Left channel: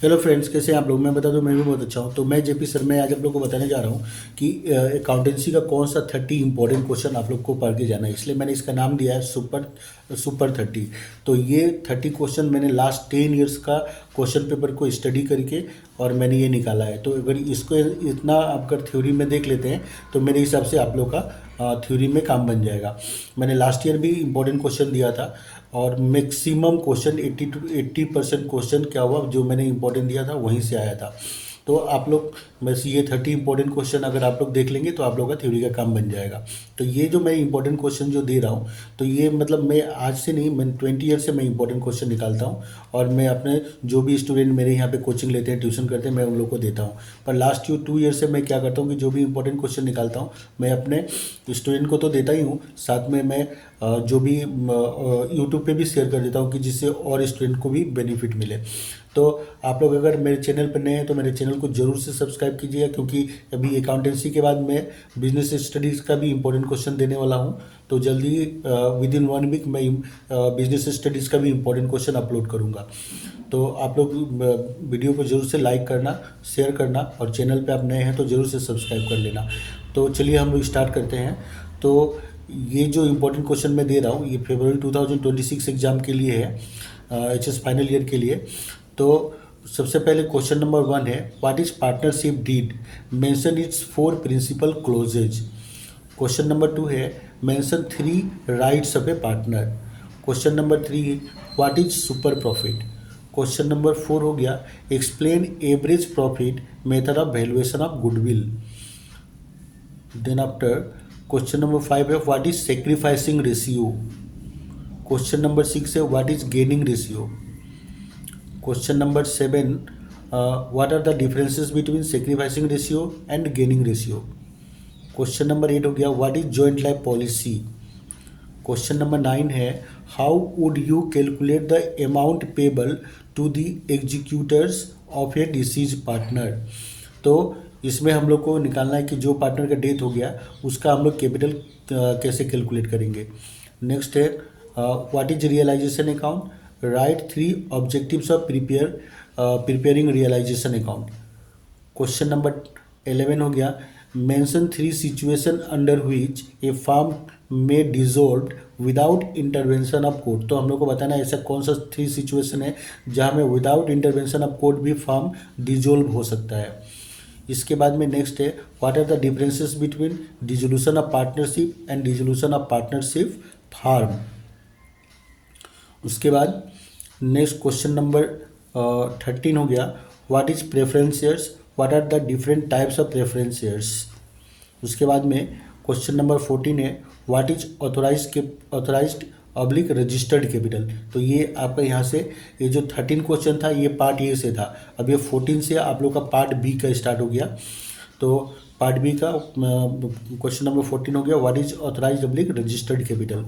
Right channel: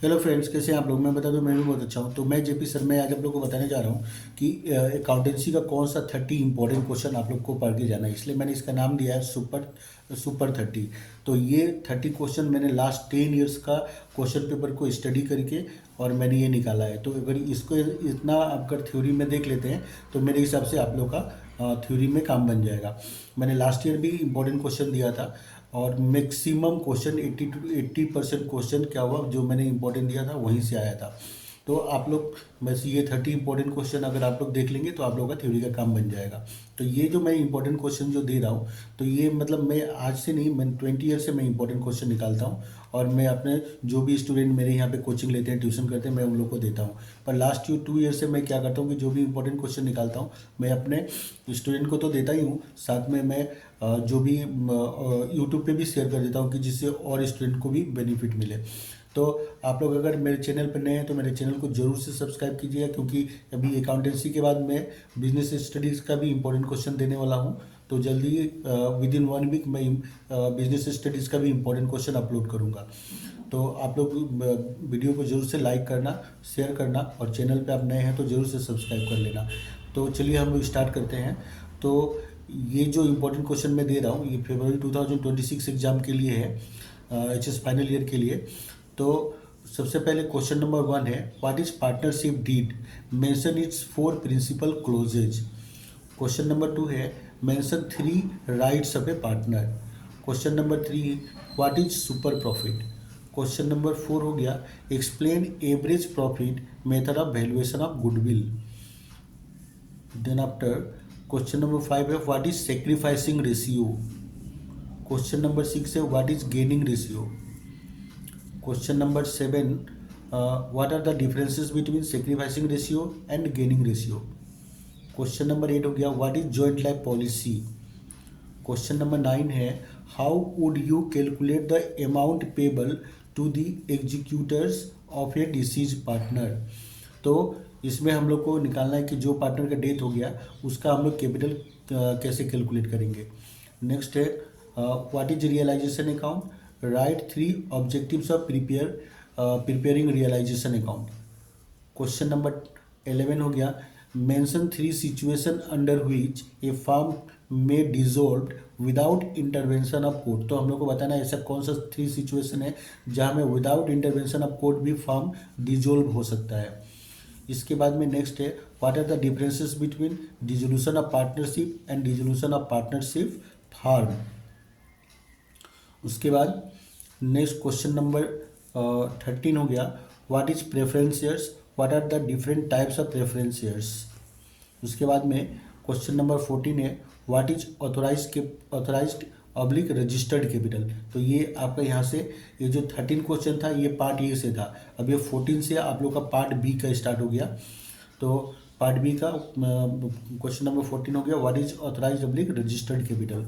Hello friends, कैसे हैं आप लोग। मैं बता दूं, मैं भी बहुत अच्छा हूं। तो मैं जेपी सर, मैं आज आप लोग को बताने जा रहा हूं कि अकाउंटेंसी का कौन सा 30 इंपॉर्टेंट क्वेश्चन आप लोग को पढ़ के जाना है। इसलिए मैंने इसका नाम दिया है सुपर सुपर 30। तो ये 30 क्वेश्चन मैंने लास्ट 10 ईयर्स का क्वेश्चन पेपर को स्टडी करके और मैंने ये निकाला है। तो अगर इसको इतना आप अगर थ्योरी में देख लेते हैं तो मेरे हिसाब से आप लोग का थ्योरी में काम बन जाएगा। मैंने लास्ट ईयर भी इंपॉर्टेंट क्वेश्चन दिया था और मैक्सिमम क्वेश्चन 80% क्वेश्चन क्या हुआ, जो मैंने इंपॉर्टेंट दिया था वहीं से आया था। तो आप लोग बस ये 30 इंपॉर्टेंट क्वेश्चन अगर आप लोग देख लेंगे तो आप लोग का थ्योरी का काम बन जाएगा। तो ये जो मैं इंपॉर्टेंट क्वेश्चन जो दे रहा हूँ, तो ये मतलब मैं आज से नहीं, मैं 20 ईयर से मैं इंपॉर्टेंट क्वेश्चन निकालता हूँ और मैं अपने जो भी स्टूडेंट मेरे यहाँ पे कोचिंग लेते हैं, ट्यूशन करते हैं, मैं उन लोग को देता हूँ। पर लास्ट 2 ईयर से मैं क्या करता हूँ कि जो भी इंपॉर्टेंट क्वेश्चन निकालता हूँ मैं अपने स्टूडेंट को तो देता ही हूँ, साथ में मैं जो भी यूट्यूब पे भी शेयर कर देता हूँ कि जिससे और स्टूडेंट को भी बेनिफिट मिले। तो आप लोग अगर मेरे चैनल पर नए हैं तो मेरे चैनल को ज़रूर से सब्सक्राइब कीजिएगा, क्योंकि अभी अकाउंटेंसी के बाद मैं बिजनेस स्टडीज़ का भी इंपॉर्टेंट क्वेश्चन देने वाला हूँ। तो जल्दी विद इन 1 वीक मैं बिजनेस स्टडीज़ का भी इंपॉर्टेंट क्वेश्चन अपलोड करूँगा। तो आप लोग वीडियो को ज़रूर से लाइक करना, शेयर करना, और चैनल पे आप नए हैं तो ज़रूर से सब्सक्राइब कर लेना। तो चलिए हम लोग स्टार्ट करते हैं। तो ये जो इम्पोर्टेंट क्वेश्चन मैं दे रहा हूँ ये फरवरी 2026 एग्ज़ाम के लिए है, एचएस फाइनल ईयर के लिए। तो सबसे पहले क्वेश्चन नंबर 1 है, what is partnership deed, mention its 4 principle clauses. Question number 2 है, mention 3 rights of a partner. Question number 3, what is super profit. Question number 4 हो गया, explain average profit method of valuation of goodwill. Then after question number 5 है, what is sacrificing ratio. Question number 6 है, what is gaining ratio. Question number 7, what are the differences between sacrificing ratio and gaining ratio. Question number 8 हो गया, what is joint life policy. Question number 9 है, how would you calculate the amount payable to the executors of a deceased partner. तो इसमें हम लोग को निकालना है कि जो पार्टनर का डेथ हो गया उसका हम लोग कैपिटल कैसे कैलकुलेट करेंगे। नेक्स्ट है, what is realisation account, right 3 objectives of preparing realisation account. Question number 11 हो गया, mention 3 situation under which a firm में dissolve without intervention of court. तो हम लोग को बताना है ऐसा कौन सा 3 सिचुएशन है जहाँ में विदाउट इंटरवेंशन ऑफ कोर्ट भी फर्म डिजोल्व हो सकता है। इसके बाद में नेक्स्ट है, what are the differences between dissolution of partnership and dissolution of partnership firm. उसके बाद नेक्स्ट क्वेश्चन नंबर 13 हो गया, what is preference shares, what are the different types of preference shares. उसके बाद में क्वेश्चन नंबर 14 है, what is authorised oblique registered capital. तो ये आपका यहाँ से ये जो 13 क्वेश्चन था ये पार्ट ए से था, अब ये 14 से आप लोग का पार्ट बी का स्टार्ट हो गया। तो पार्ट बी का क्वेश्चन नंबर 14 हो गया, what is authorised oblique registered capital.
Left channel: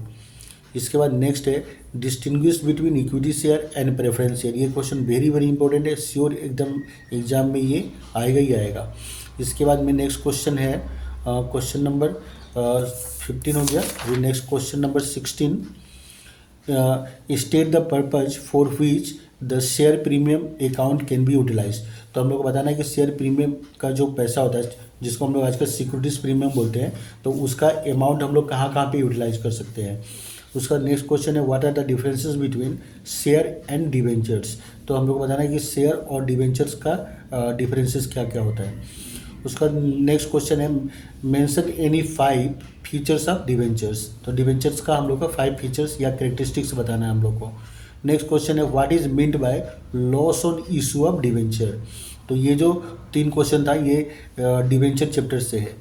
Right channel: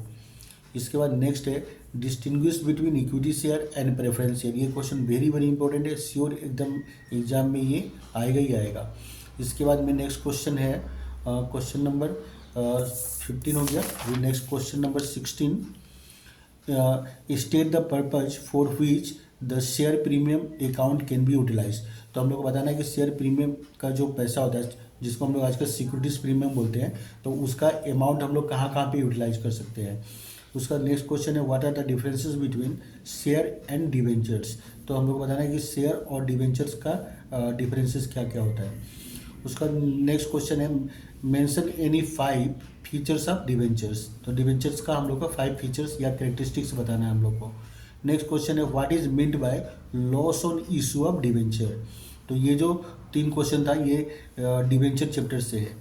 इसके बाद नेक्स्ट है, distinguish between equity share and preference share. ये क्वेश्चन वेरी वेरी इंपॉर्टेंट है, श्योर एकदम एग्जाम में ये आएगा ही आएगा। इसके बाद में नेक्स्ट क्वेश्चन है क्वेश्चन नंबर 15 हो गया। अभी next question number 16, state the purpose for which the share premium account can B utilise. तो हम लोग को बताना है कि शेयर प्रीमियम का जो पैसा होता है जिसको हम लोग आजकल सिक्योरिटीज प्रीमियम बोलते हैं, तो उसका अमाउंट हम लोग कहाँ कहाँ पे यूटिलाइज कर सकते हैं। उसका नेक्स्ट क्वेश्चन है, what are the differences between share and debentures. तो हम लोग को बताना है कि शेयर और डिवेंचर्स का डिफरेंसेस क्या क्या होता है। उसका नेक्स्ट क्वेश्चन है, mention any 5 features of debentures. तो डिवेंचर्स का हम लोग का 5 फीचर्स या कैरेक्टरिस्टिक्स बताना है हम लोग को। नेक्स्ट क्वेश्चन है, what is meant by loss on issue of debenture. तो ये जो 3 क्वेश्चन था ये डिवेंचर चैप्टर से है।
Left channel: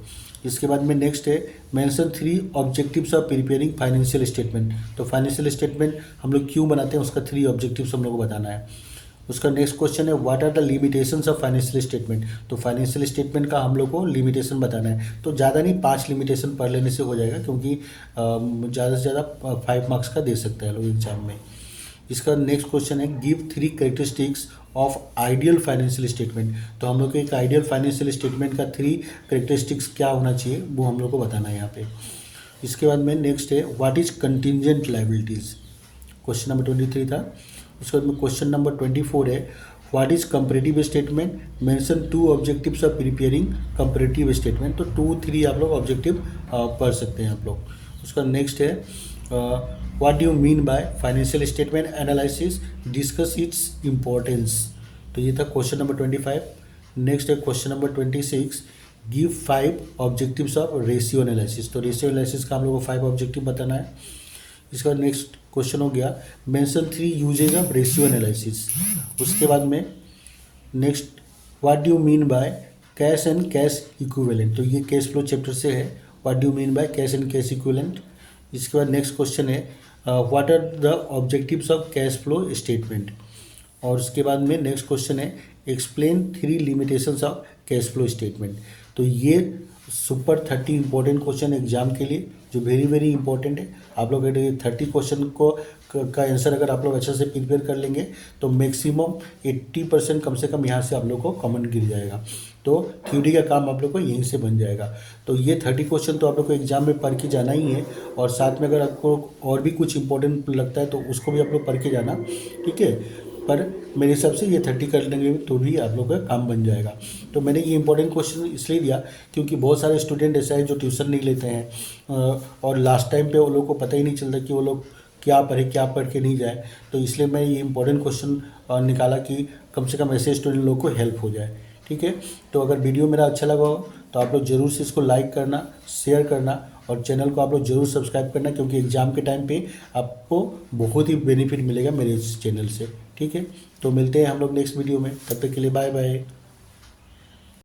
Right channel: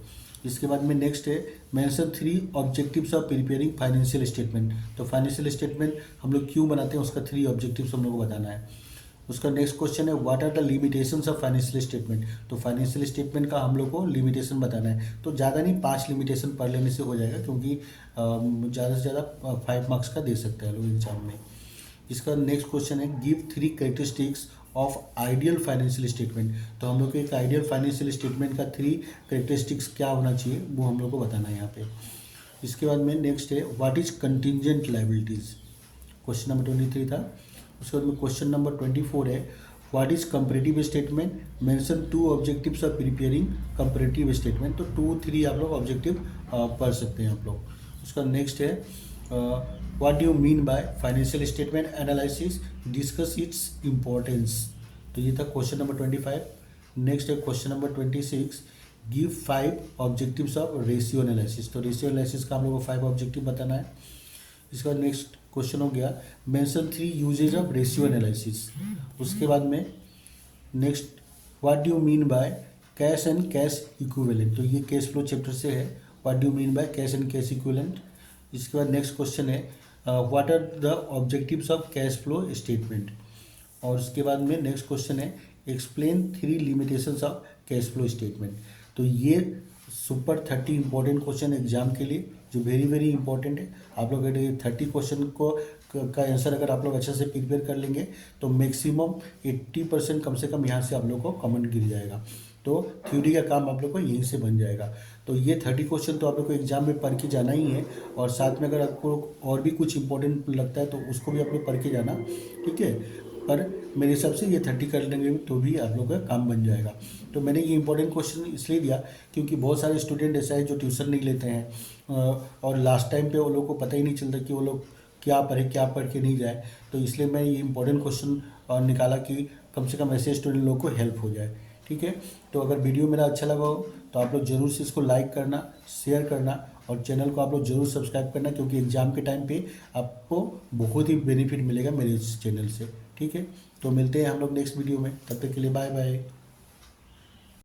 इसके बाद में नेक्स्ट है, mention 3 objectives of preparing financial statement. तो फाइनेंशियल स्टेटमेंट हम लोग क्यों बनाते हैं उसका 3 ऑब्जेक्टिव्स हम लोग को बताना है। उसका नेक्स्ट क्वेश्चन है, what are the limitations of financial statement. तो फाइनेंशियल स्टेटमेंट का हम लोग को लिमिटेशन बताना है। तो ज़्यादा नहीं, 5 लिमिटेशन पढ़ लेने से हो जाएगा, क्योंकि ज़्यादा से ज़्यादा 5 मार्क्स का दे सकते हैं लोग एग्जाम में। इसका नेक्स्ट क्वेश्चन है, give 3 characteristics of ideal financial statement. तो हम लोग को एक आइडियल फाइनेंशियल स्टेटमेंट का 3 कैरेक्टरिस्टिक्स क्या होना चाहिए वो हम लोग को बताना है यहाँ पे। इसके बाद में नेक्स्ट है, what is contingent liabilities. Question number 23 था। उसके बाद में क्वेश्चन नंबर 24 है, what is comparative statement, mention 2 objectives of preparing comparative statement. तो 2 3 आप लोग ऑब्जेक्टिव पढ़ सकते हैं आप लोग। उसका नेक्स्ट है what do you mean by financial statement analysis, discuss its importance. तो ये था क्वेश्चन नंबर 25। नेक्स्ट है question number 26, give 5 objectives of ratio analysis. तो रेशियो एनालिसिस का हम लोग को 5 ऑब्जेक्टिव बताना है। इसके बाद नेक्स्ट क्वेश्चन हो गया mention 3 uses of ratio analysis. उसके बाद में next what do you mean by cash and cash equivalent. तो ये कैश फ्लो चैप्टर से है, what do you mean by cash and cash equivalent. इसके बाद नेक्स्ट क्वेश्चन है what are the objectives of cash flow statement. और उसके बाद में नेक्स्ट क्वेश्चन है explain 3 limitations of cash flow statement. तो ये सुपर 30 इंपॉर्टेंट क्वेश्चन एग्जाम के लिए जो वेरी वेरी इंपॉर्टेंट है। आप लोग अगर 30 क्वेश्चन को का आंसर अगर आप लोग अच्छे से प्रिपेयर कर लेंगे तो मैक्सिमम 80% कम से कम यहाँ से आप लोग को कॉमन गिर जाएगा। तो थ्योरी का काम आप लोग को यहीं से बन जाएगा। तो ये 30 क्वेश्चन तो आप लोग को एग्जाम में पढ़ के जाना ही है, और साथ में अगर आपको और भी कुछ इंपॉर्टेंट लगता है तो उसको भी आप लोग पढ़ के जाना, ठीक है। पर मेरे हिसाब से ये 30 कर लेंगे तो भी आप लोग का काम बन जाएगा। तो मैंने ये इंपॉर्टेंट क्वेश्चन इसलिए दिया क्योंकि बहुत सारे स्टूडेंट ऐसे हैं जो ट्यूशन नहीं लेते हैं और लास्ट टाइम पे वो लोग को पता ही नहीं चलता कि वो लोग क्या पढ़े क्या पढ़ के नहीं जाए। तो इसलिए मैं ये इंपॉर्टेंट क्वेश्चन निकाला कि कम से कम ऐसे स्टूडेंट लोग को हेल्प हो जाए, ठीक है। तो अगर वीडियो मेरा अच्छा लगा हो तो आप लोग ज़रूर से इसको लाइक करना, शेयर करना और चैनल को आप लोग ज़रूर सब्सक्राइब करना, क्योंकि एग्ज़ाम के टाइम पे आपको बहुत ही बेनिफिट मिलेगा मेरे इस चैनल से, ठीक है। तो मिलते हैं हम लोग नेक्स्ट वीडियो में, तब तक के लिए बाय बाय।